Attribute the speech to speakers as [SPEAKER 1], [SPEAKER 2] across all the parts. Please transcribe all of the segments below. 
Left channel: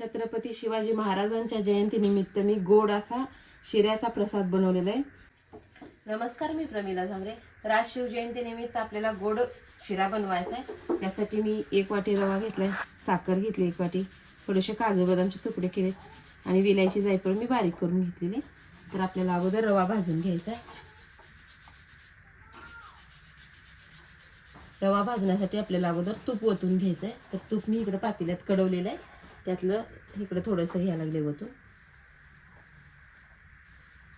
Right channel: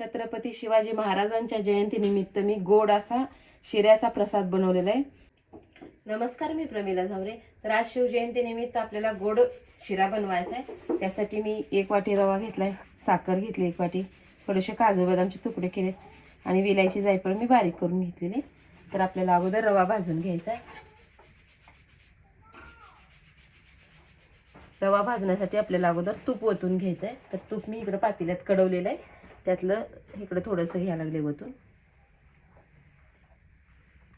[SPEAKER 1] छत्रपती शिवाजी महाराजांच्या जयंतीनिमित्त मी गोड असा शिऱ्याचा प्रसाद बनवलेला आहे. नमस्कार मी प्रमिला झावरे तर आज शिवजयंतीनिमित्त आपल्याला गोड शिरा बनवायचा आहे. त्यासाठी मी एक वाटी रवा घेतलाय साखर घेतली एक वाटी थोडेसे काजू बदामचे तुकडे केले आणि विलायची जायफळ मी बारीक करून घेतलेली तर आपल्याला अगोदर रवा भाजून घ्यायचा आहे. रवा भाजण्यासाठी आपल्याला अगोदर तूप ओतून घ्यायचं आहे तर तूप मी इकडं पातेल्यात कडवलेलं आहे. त्यातलं इकडं थोडंसं घ्यायला लागले होतो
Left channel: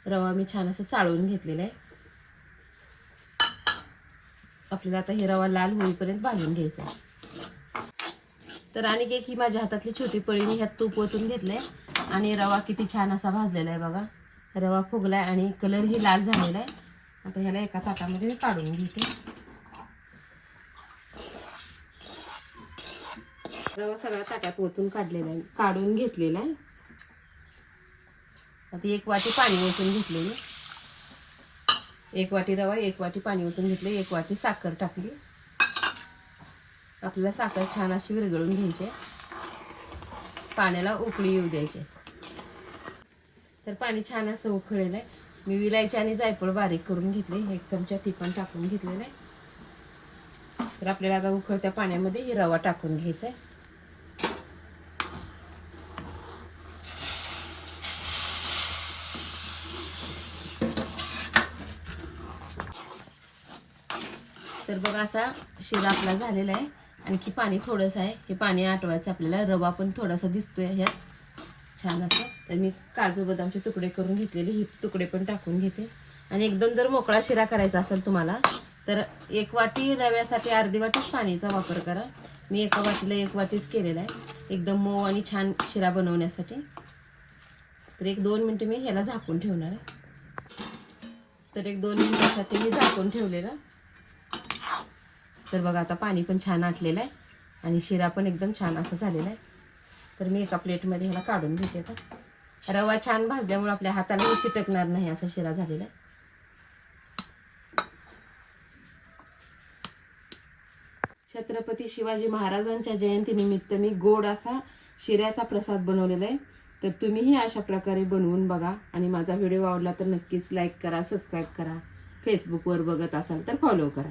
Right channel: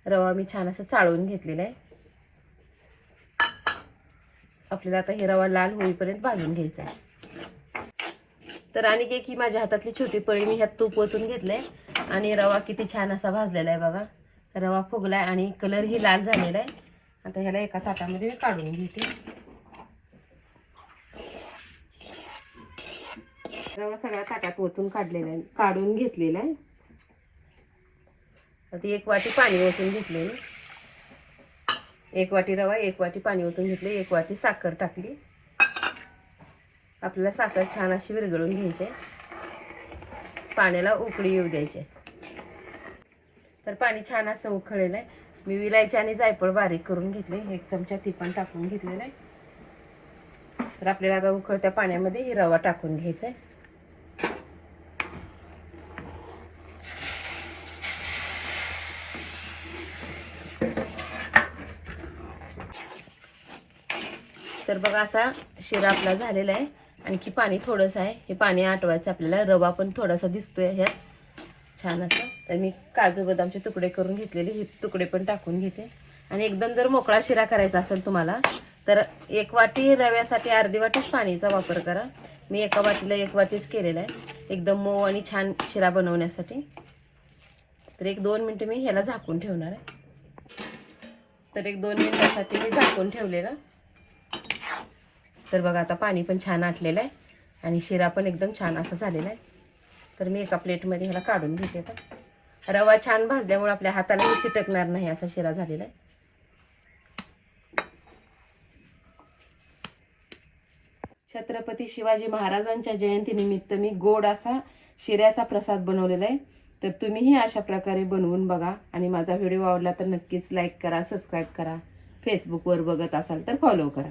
[SPEAKER 1] रवा मी छान असं चाळून घेतलेला आहे. आपल्याला आता हे रवा लाल होईपर्यंत भाजून घ्यायचा तर आणि एक ही माझ्या हातातली छोटी पळी मी ह्यात तूप ओतून घेतलंय. आणि रवा किती छान असा भाजलेला आहे बघा. रवा फुगलाय आणि कलरही लाल झालेला आहे. आता ह्याला एका ताटामध्ये मी काढून घेते. रवा सगळ्या ताटात ओतून काढलेला आहे. काढून घेतलेला आहे. आता एक वाटी पाणी ओतून घेतलेलं एक वाटी रवा एक वाटी पाणी ओतून घेतले एक वाटी साखर टाकली. आपल्याला साखर छान अशी विरघळून घ्यायची पाण्याला उकळी येऊ द्यायचे तर पाणी छान असं उकळलेलं आहे. मी विलायची आणि जायफळ बारीक करून घेतले. एक चमचा ती पण टाकून घेतलेला आहे. तर आपल्याला आता उकळत्या पाण्यामध्ये ही रवा टाकून घ्यायचा आहे. तर बघा असा शिरा आपला झालेला आहे. आणखी पाणी थोडंसं आहे. हे पाणी आटवायचं आपल्याला. रवा पण थोडासा दिसतोय ह्यात. छान असं. तर मी काजू बदामचे तुकडे करून घेतलेले. हे तुकडे पण टाकून घेते. आणि एकदम जर मोकळा शिरा करायचा असेल तुम्हाला तर एक वाटी रव्यासाठी अर्धी वाटीच पाणीचा वापर करा. मी एका वाटीला एक वाटीच केलेला आहे. एकदम मऊ आणि छान शिरा बनवण्यासाठी. तर एक दोन मिनटं मी ह्याला झाकून ठेवणार आहे. तर एक दोन मिनटासाठी मी झाकून ठेवलेलं. तर बघा आता पाणी पण छान आटलेलं आहे आणि शिरा पण एकदम छान असं झालेला आहे. तर मी एका प्लेटमध्ये ह्याला काढून घेते आता. रवा छान भाजल्यामुळे आपल्या हाताला चिटकणार नाही असा शिरा झालेला आहे. छत्रपती शिवाजी महाराजांच्या जयंतीनिमित्त मी गोड असा शिऱ्याचा प्रसाद बनवलेला आहे. तर तुम्हीही अशा प्रकारे बनवून बघा आणि माझा व्हिडिओ आवडला तर नक्कीच लाईक करा सबस्क्राईब करा. फेसबुकवर बघत असाल तर फॉलो करा.